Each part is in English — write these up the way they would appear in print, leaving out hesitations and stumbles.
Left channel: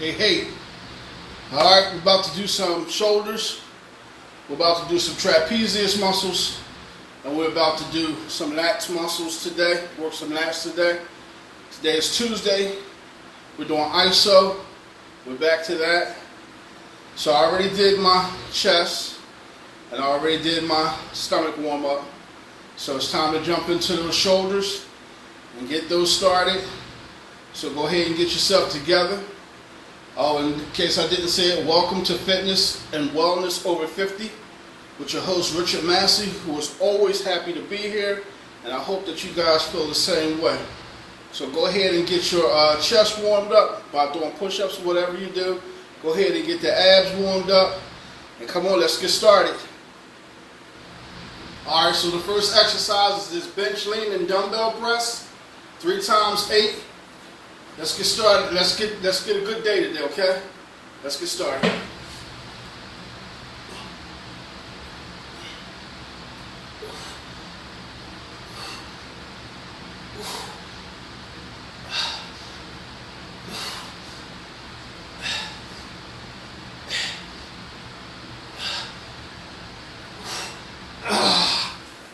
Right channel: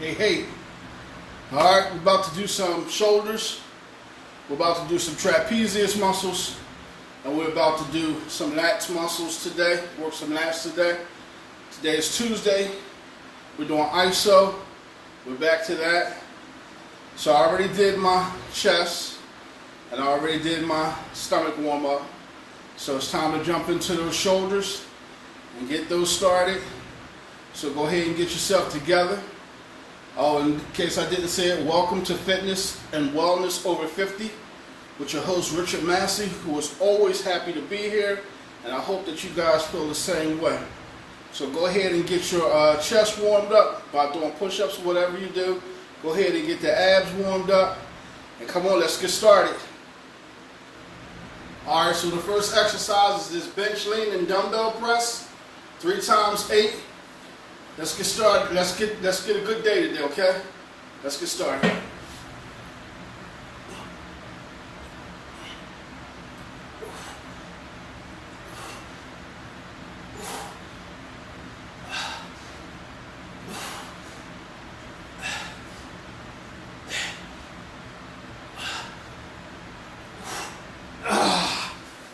Hey, hey. All right, we're about to do some shoulders. We're about to do some trapezius muscles. And we're about to do some lats muscles today. Work some lats today. Today is Tuesday. We're doing ISO. We're back to that. So I already did my chest. And I already did my stomach warm up. So it's time to jump into those shoulders and get those started. So go ahead and get yourself together. Oh, in case I didn't say it, welcome to Fitness and Wellness Over 50 with your host Richard Massey, who is always happy to be here, and I hope that you guys feel the same way. So go ahead and get your chest warmed up by doing push-ups or whatever you do. Go ahead and get the abs warmed up, and come on, let's get started. All right, so the first exercise is this bench lean and dumbbell press, 3 times 8. Let's get started. Let's get a good day today, okay? Let's get started.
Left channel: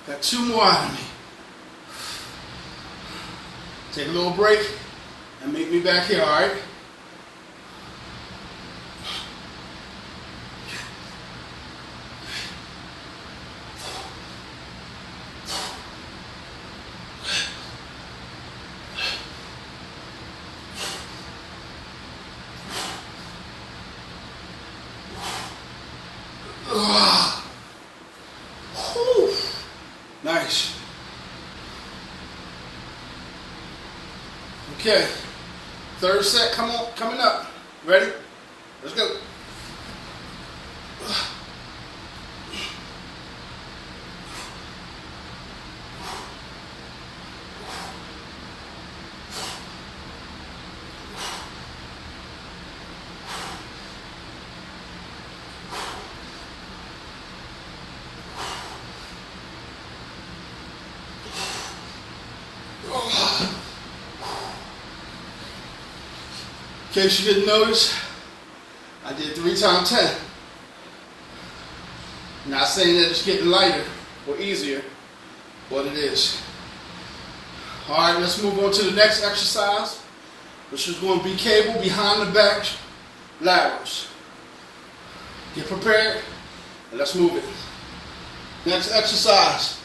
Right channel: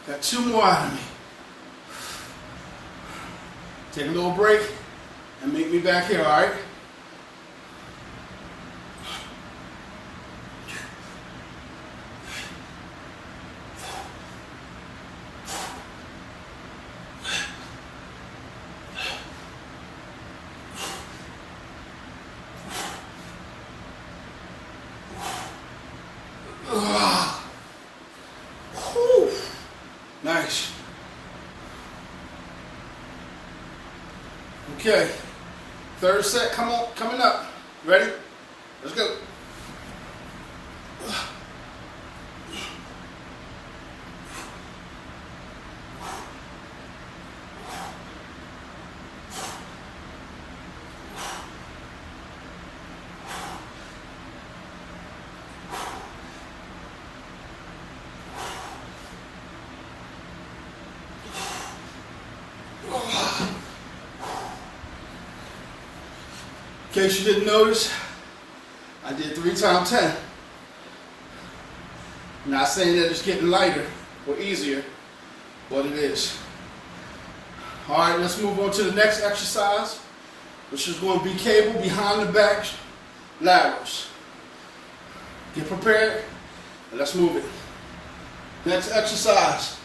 Got 2 more out of me. Take a little break. And meet me back here, all right? Nice. Okay. Third set, coming up. Ready? Let's go. In case you didn't notice, I did 3 times 10. Not saying that it's getting lighter or easier, but it is. All right, let's move on to the next exercise, which is going to be cable behind the back laterals. Get prepared, and let's move it. Next exercise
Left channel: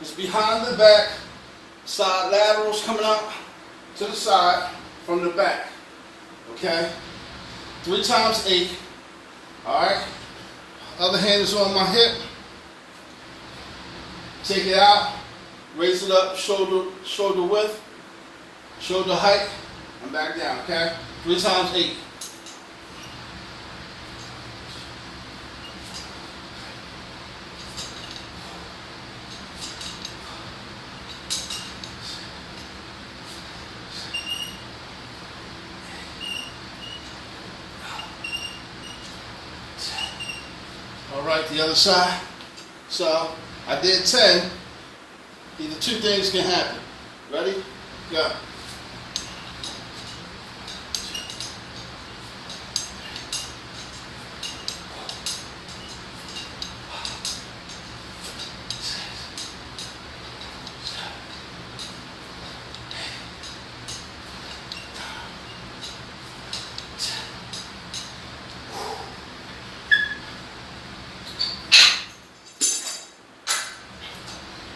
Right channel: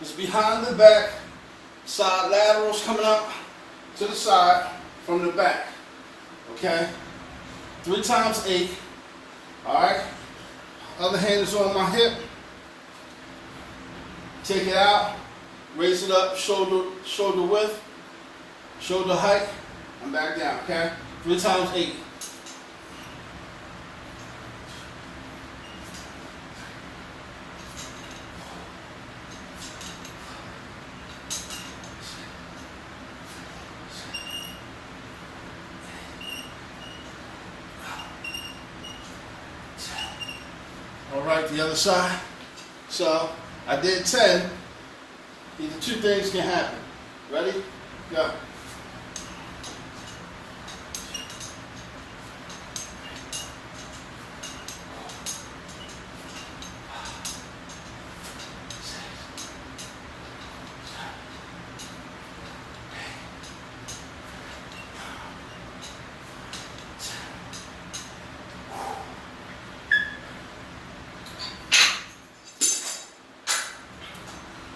is behind the back side laterals coming out to the side from the back. Okay, 3 times 8. All right, other hand is on my hip. Take it out, raise it up, shoulder width, shoulder height, and back down. Okay, 3 times 8. All right, the other side. So I did 10. Either 2 things can happen. Ready? Go.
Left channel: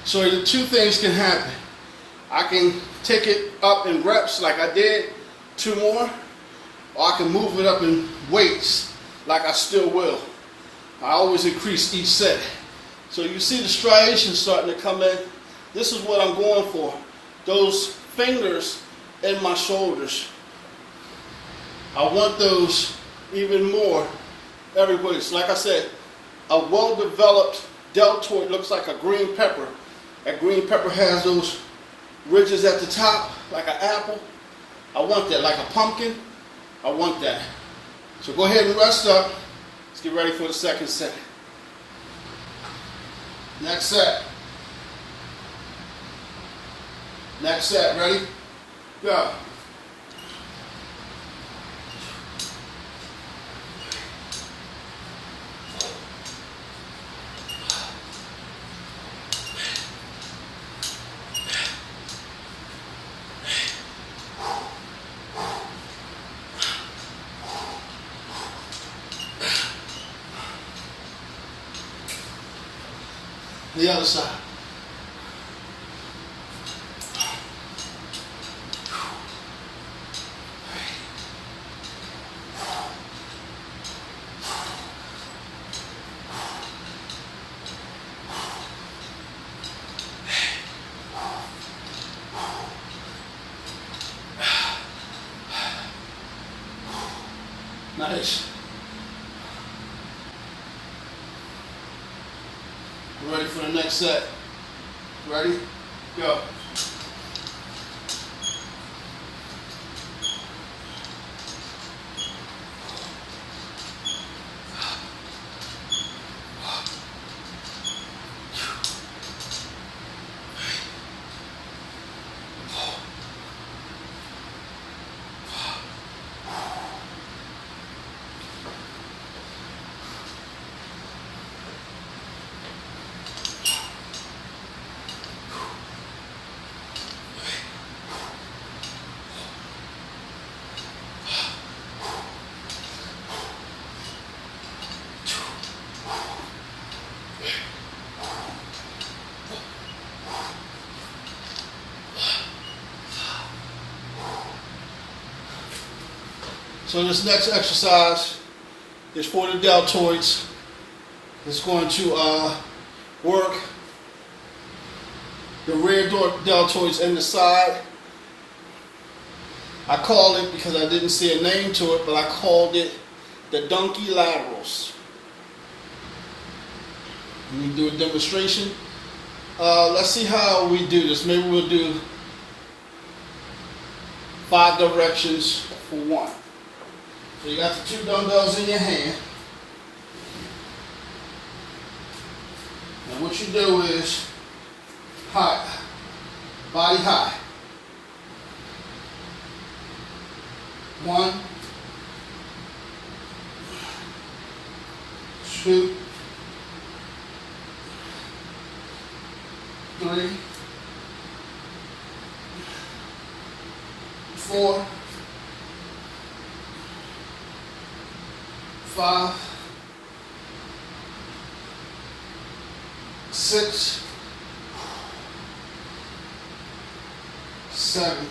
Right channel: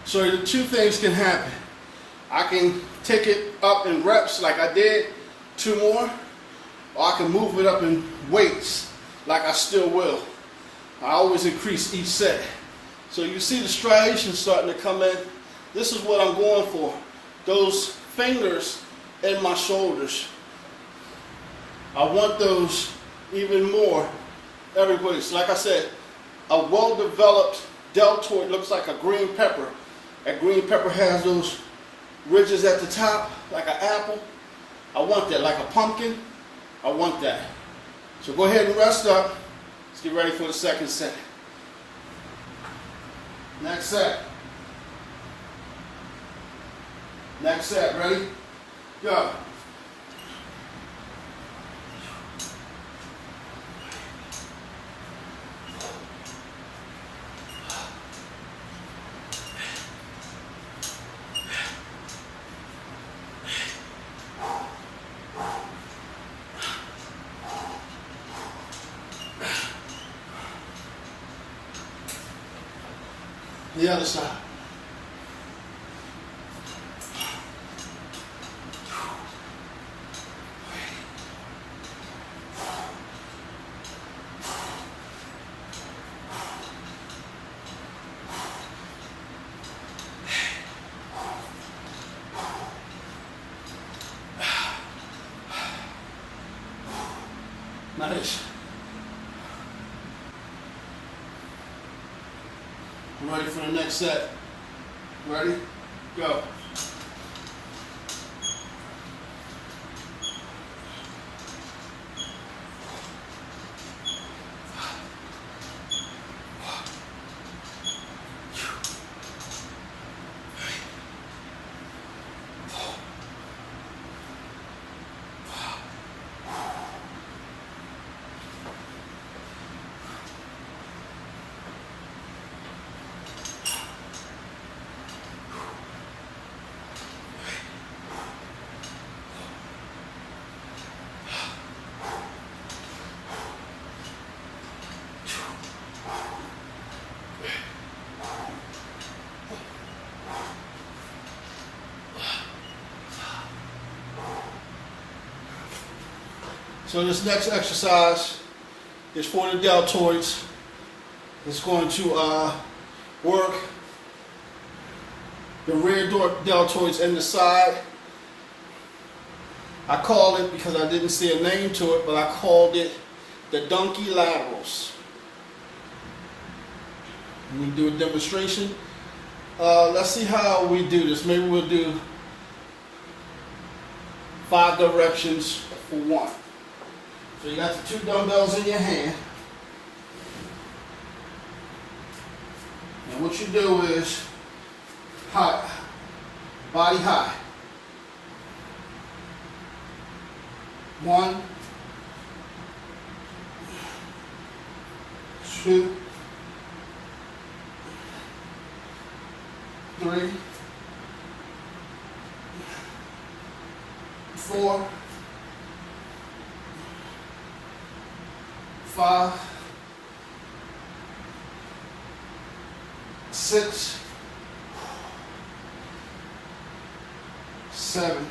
So the 2 things can happen. I can take it up in reps like I did, 2 more, or I can move it up in weights like I still will. I always increase each set. So you see the striations starting to come in. This is what I'm going for. Those fingers in my shoulders. I want those even more everywhere. So like I said, a well-developed deltoid looks like a green pepper. That green pepper has those ridges at the top, like an apple. I want that, like a pumpkin. I want that. So go ahead and rest up. Let's get ready for the second set. Next set. Next set, ready? Go. The other side. Nice. We're ready for the next set. Ready? Go. So this next exercise is for the deltoids. It's going to work the rear deltoids and the side. I call it, because I didn't see a name to it, but I called it the donkey laterals. Let me do a demonstration. Let's see how we do this. Maybe we'll do 5 directions for 1. So you got the 2 dumbbells in your hand. And what you do is high, body high. 1, 2, 3, 4, 5, 6, 7,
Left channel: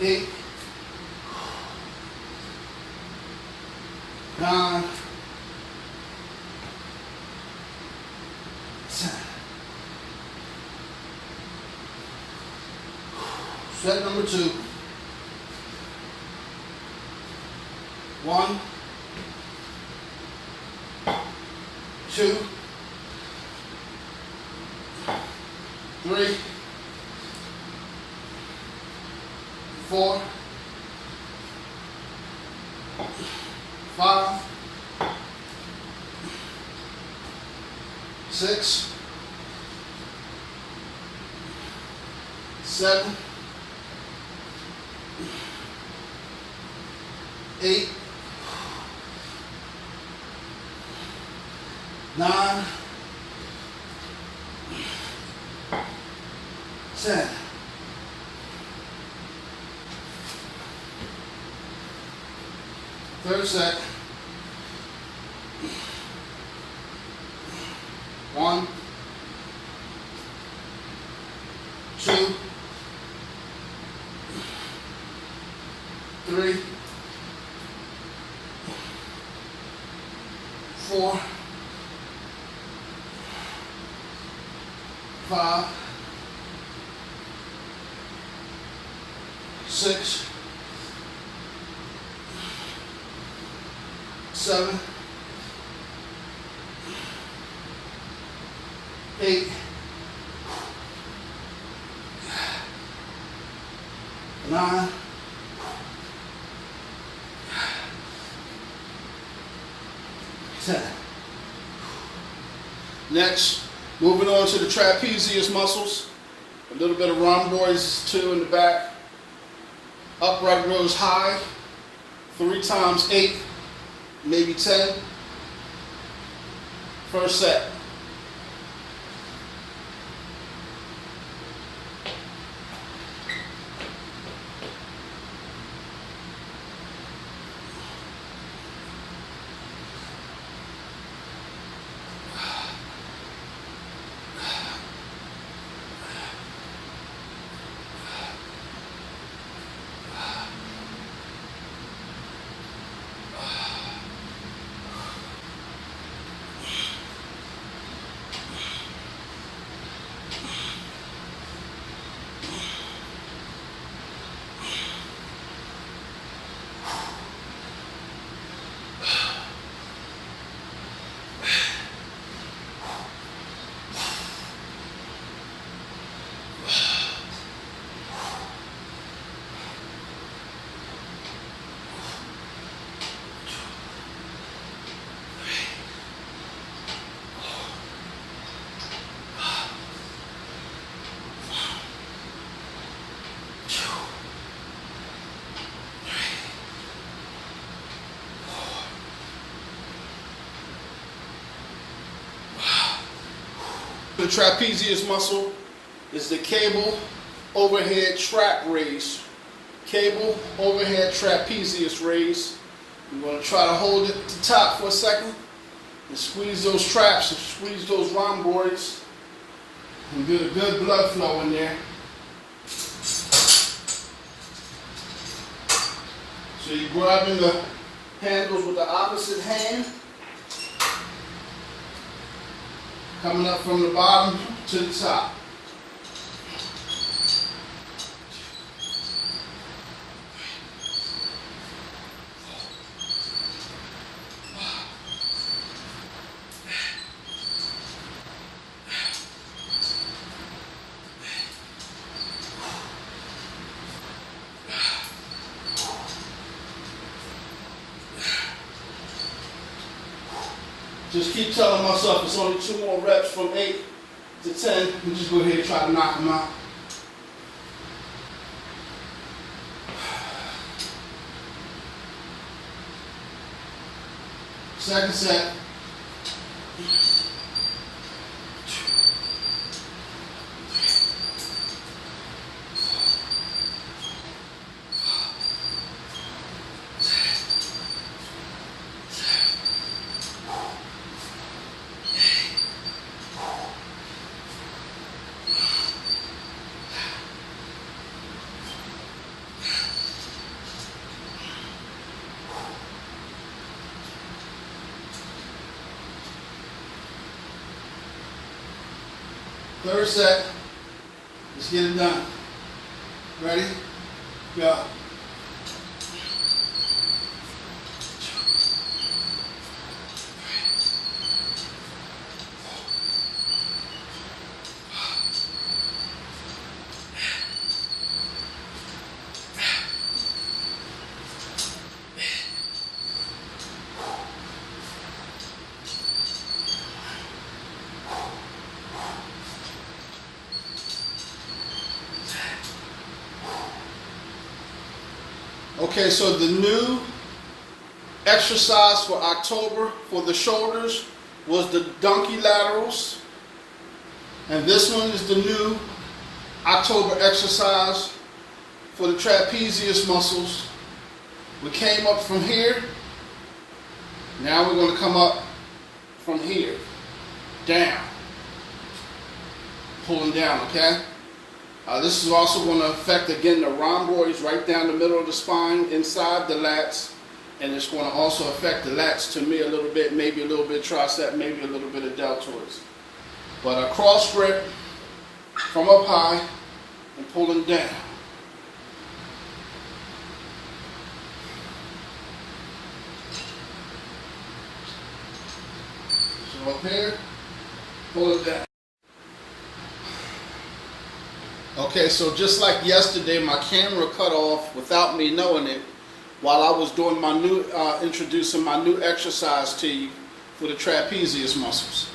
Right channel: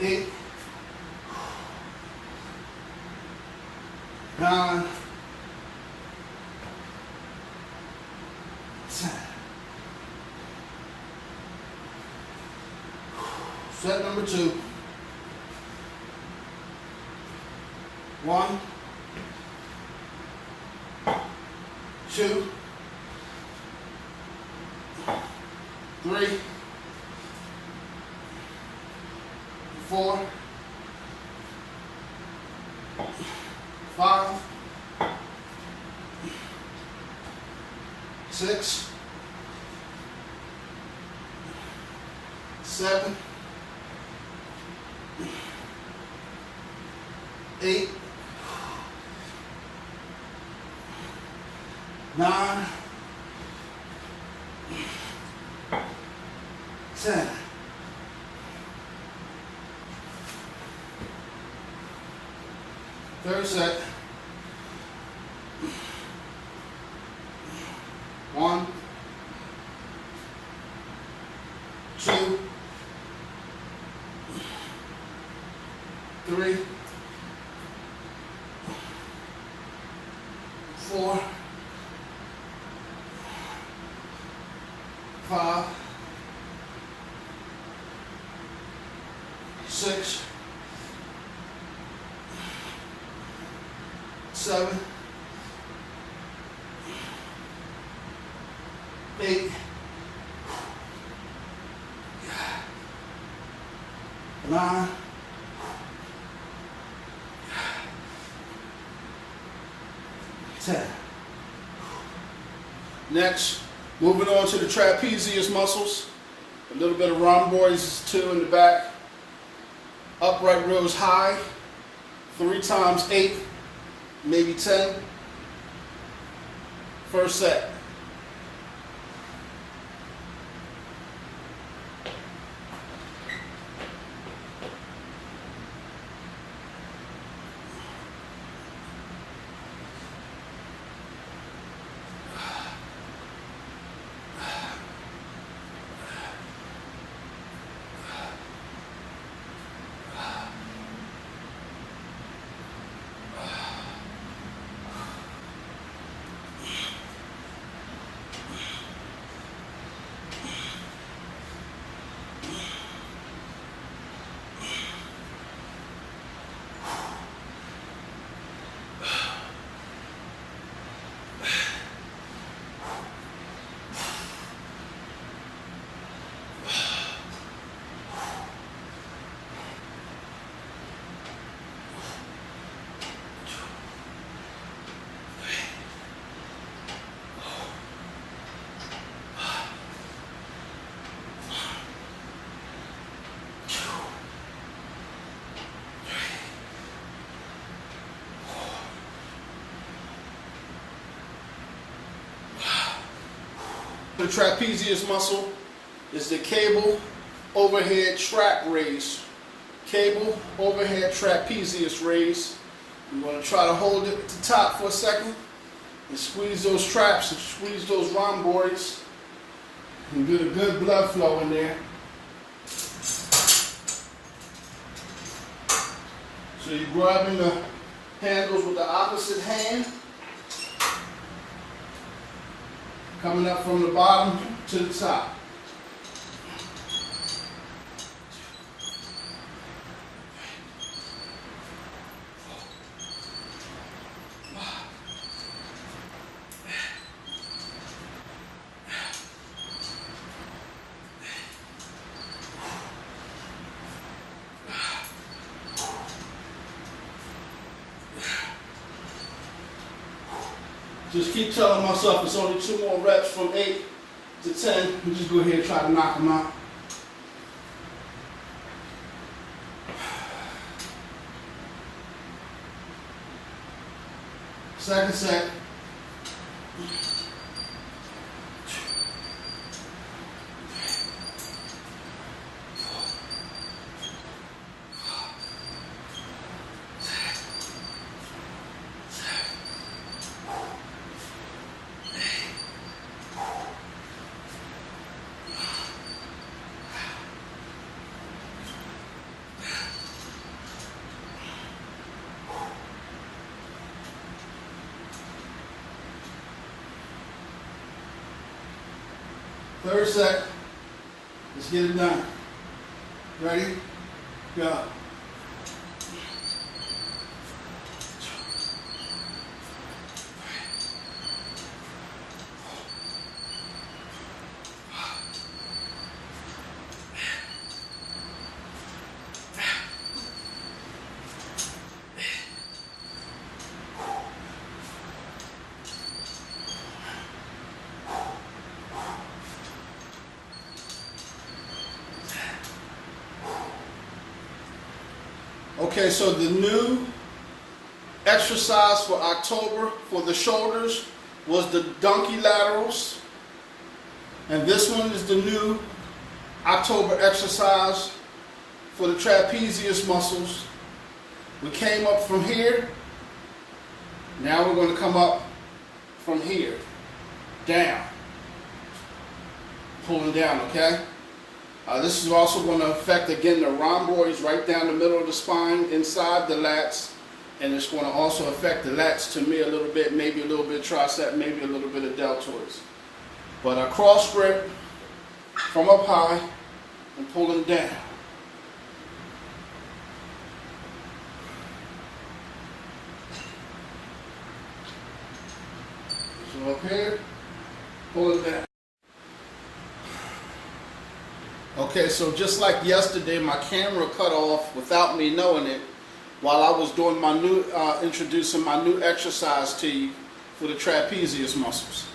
8, 9, 10. Set number 2. 1, 2, 3, 4, 5, 6, 7, 8, 9, 10. Third set. 1, 2, 3, 4, 5, 6, 7, 8, 9, 10. Next, moving on to the trapezius muscles. A little bit of rhomboids too in the back. Upright rows high. 3 times 8, maybe 10. First set. the trapezius muscle is the cable overhead trap raise. Cable overhead trapezius raise. You're going to try to hold it at the top for a second and squeeze those traps and squeeze those rhomboids and get a good blood flow in there. So you're grabbing the handles with the opposite hand, coming up from the bottom to the top. Just keep telling myself it's only 2 more reps from 8 to 10. And just go ahead and try to knock them out. Second set. Third set. Let's get it done. Ready? Go. Okay, so the new exercise for October for the shoulders was the donkey laterals. And this one is the new October exercise for the trapezius muscles. We came up from here. Now we're going to come up from here, down, pulling down, okay? This is also going to affect, again, the rhomboids right down the middle of the spine, inside the lats, and it's going to also affect the lats to me a little bit, maybe a little bit of tricep, maybe a little bit of deltoids. But a cross grip from up high and pulling down. So up here, pull it down. Okay, so just like yesterday, my camera cut off without me knowing it while I was doing my new, introducing my new exercise to you for the trapezius muscles.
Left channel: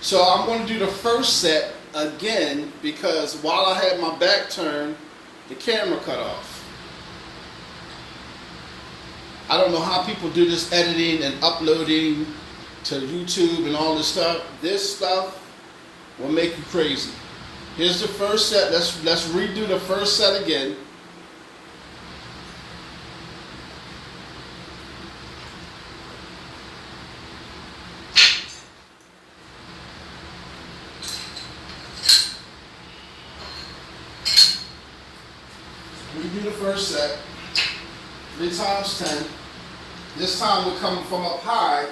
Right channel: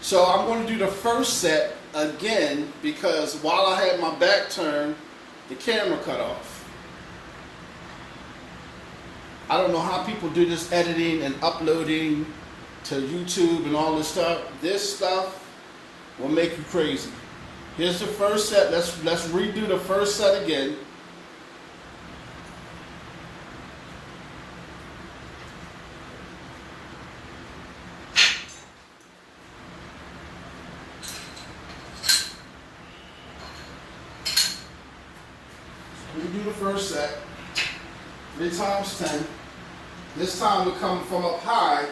So I'm going to do the first set again because while I had my back turned, the camera cut off. I don't know how people do this editing and uploading to YouTube and all this stuff. This stuff will make you crazy. Here's the first set. Let's redo the first set again. Redo the first set. 3 times 10. This time we're coming from up high,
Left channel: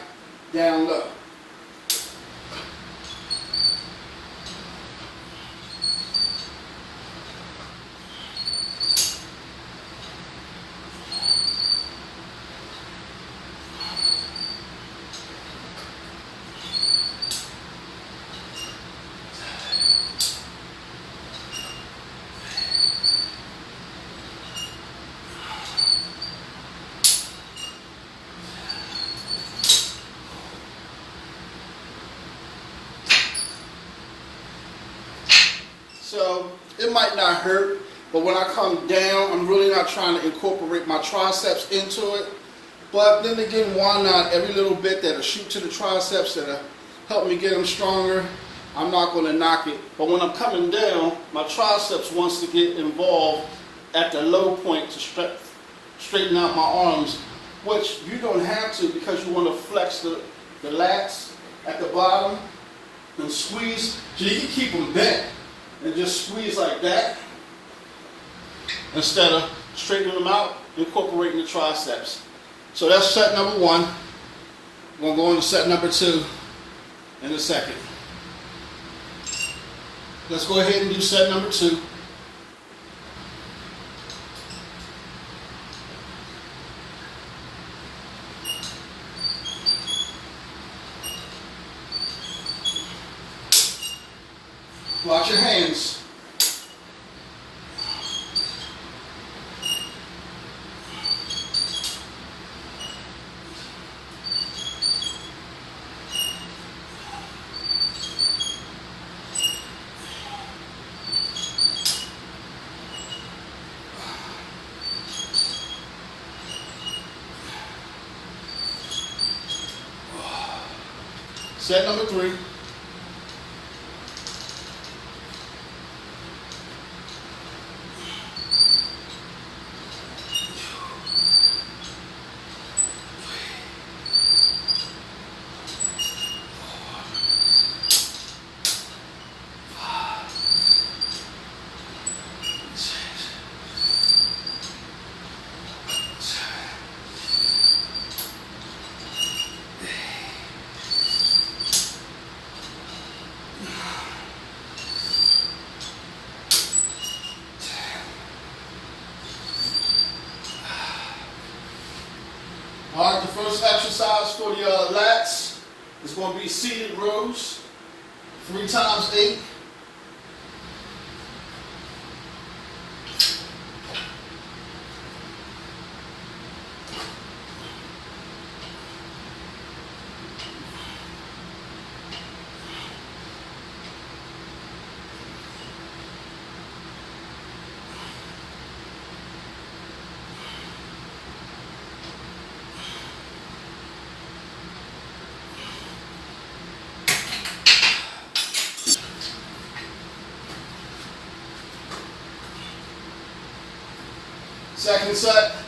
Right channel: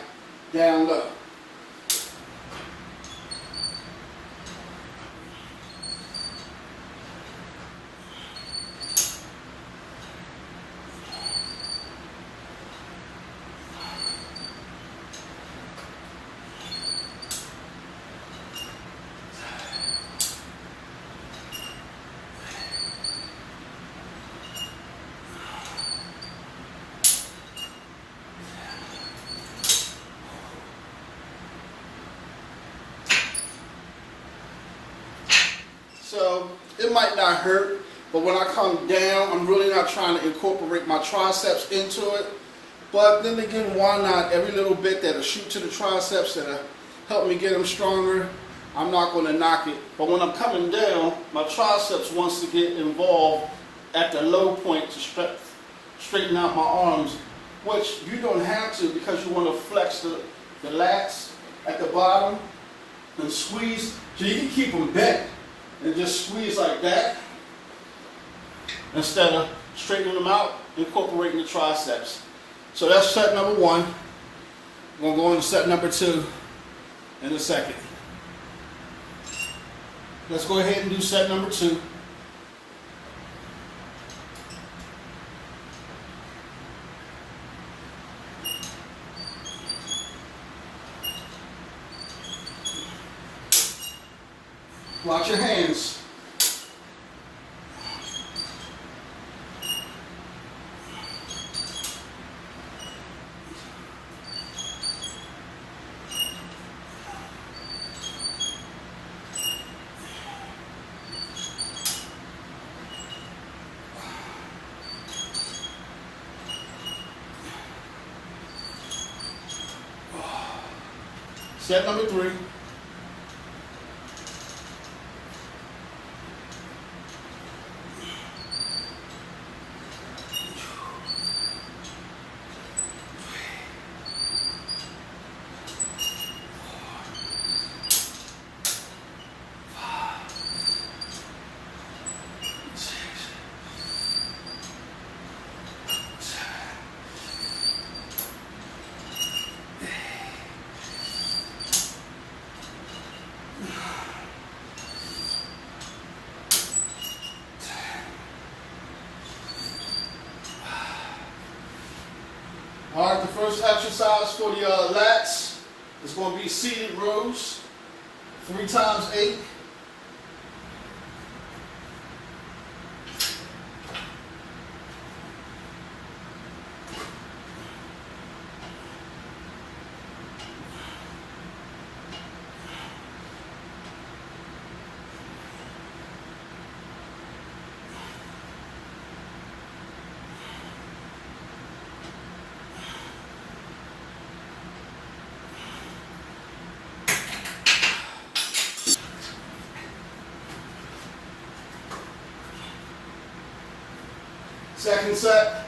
down low. So it might not hurt, but when I come down, I'm really not trying to incorporate my triceps into it. But then again, why not? Every little bit that'll shoot to the triceps, that'll help me get them stronger. I'm not going to knock it. But when I'm coming down, my triceps wants to get involved at the low point to straighten out my arms, which you don't have to because you want to flex the lats at the bottom and squeeze. So you can keep them bent and just squeeze like that instead of straightening them out, incorporating the triceps. So that's set number one. We're going to go into set number two in a second. Let's go ahead and do set number two. Watch your hands. Set number three. All right, the first exercise for the lats is going to be seated rows, 3 times 8. Second set.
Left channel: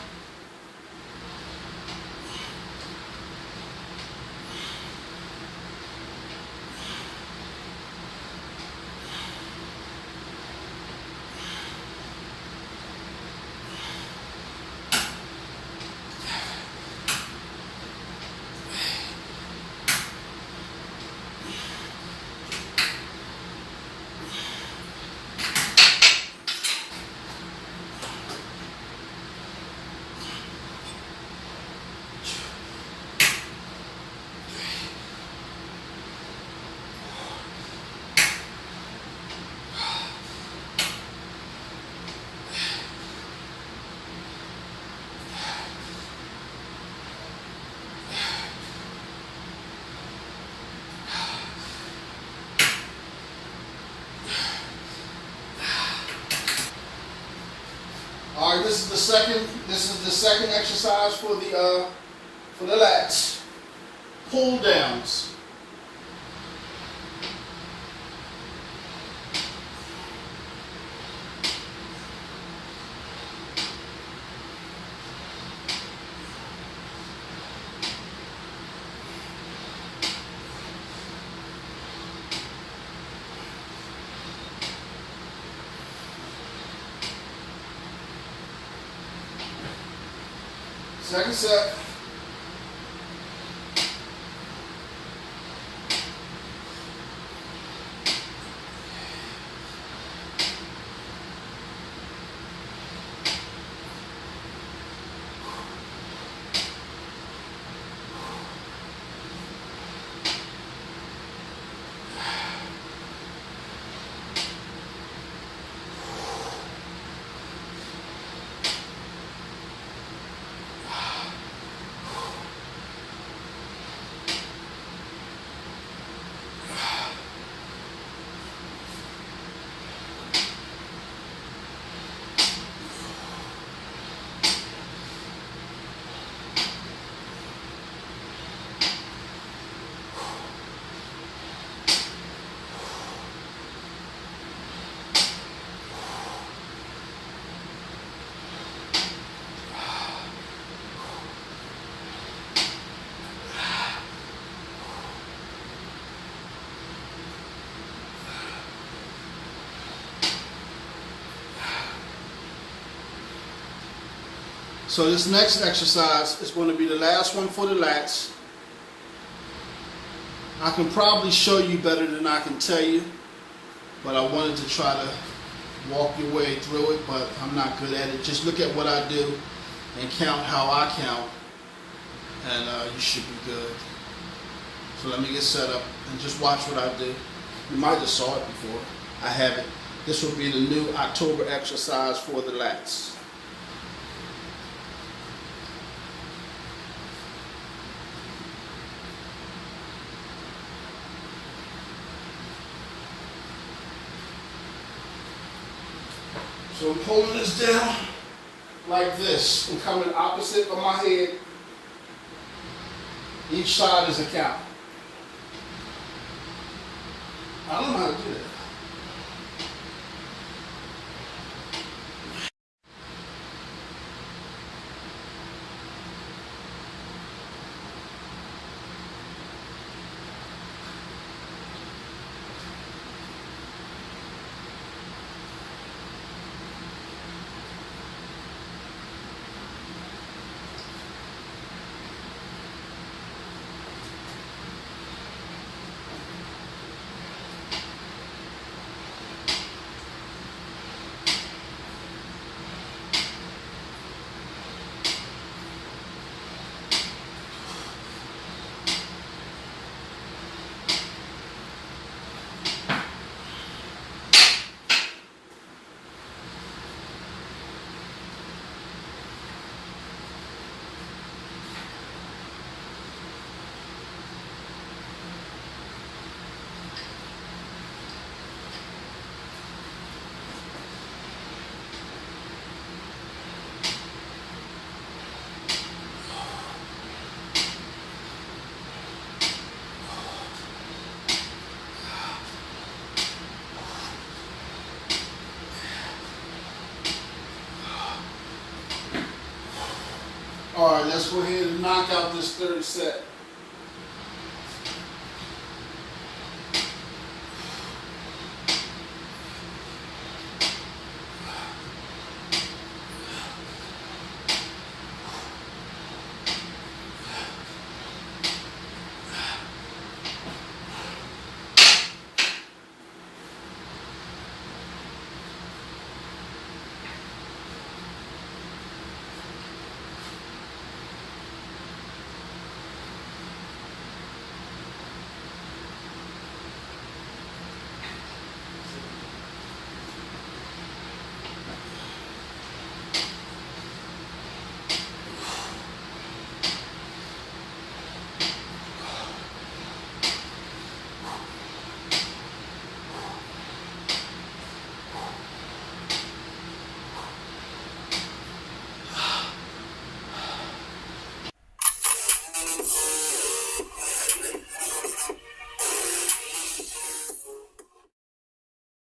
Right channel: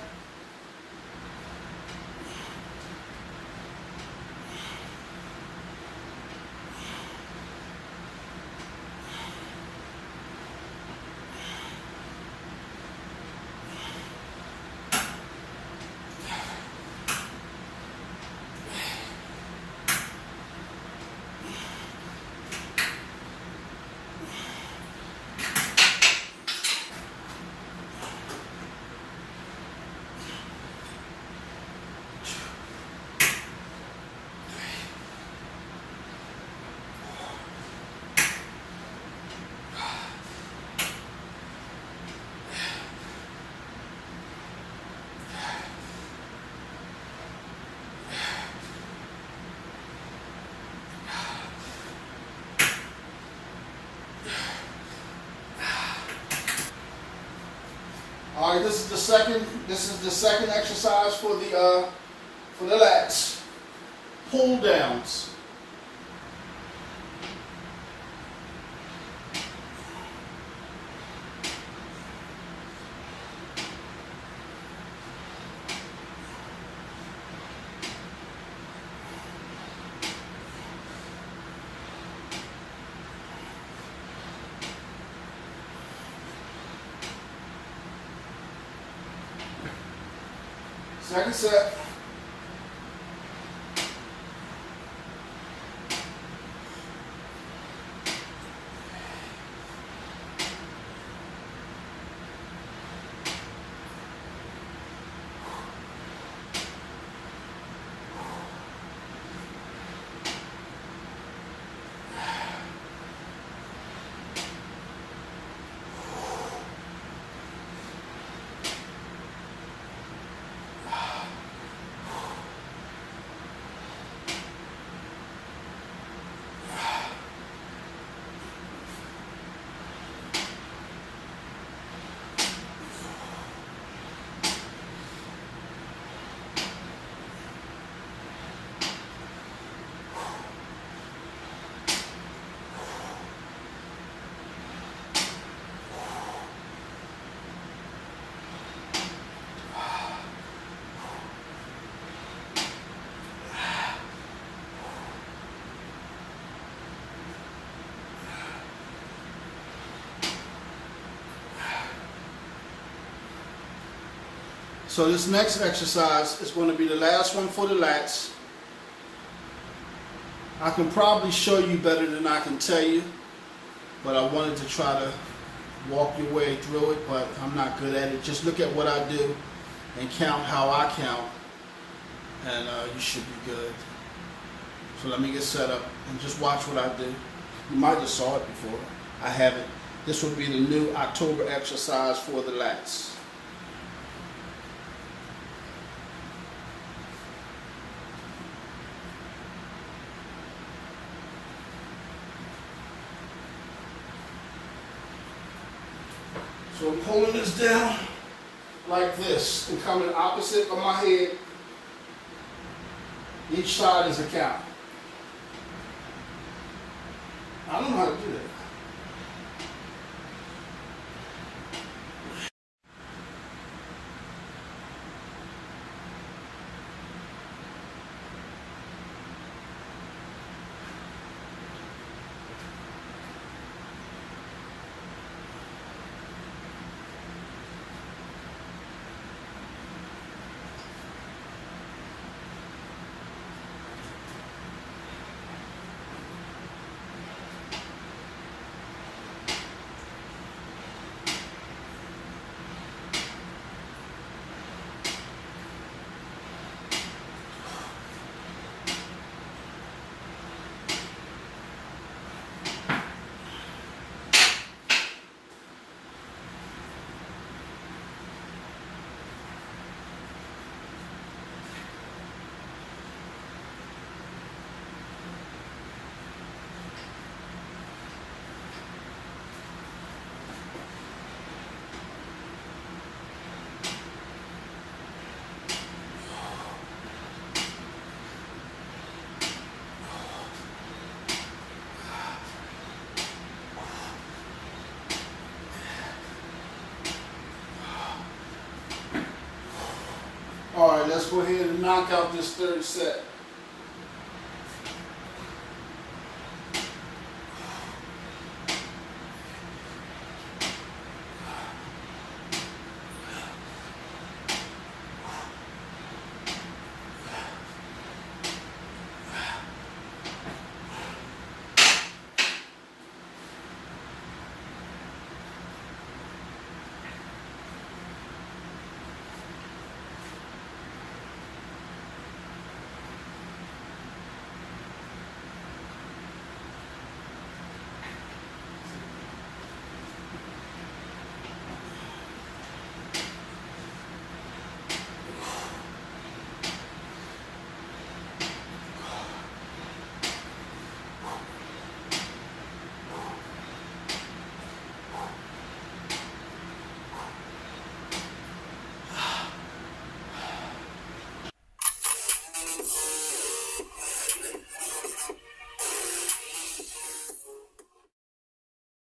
All right, this is the second exercise for the lats. Pull downs. Second set. So this next exercise is going to be the last one for the lats. I can probably show you better than I can tell you, but I wanted to try to walk your way through it, but I'm not good at it. Just look at what I do and count how I count, and you should be good. So let me get set up and just watch what I do. You might have saw it before. I haven't. This will be the new October exercise for the lats. So I'm holding this down like this and coming opposite of my head. Each side is a count. I don't know how to do that. All right, let's go ahead and knock out this third set.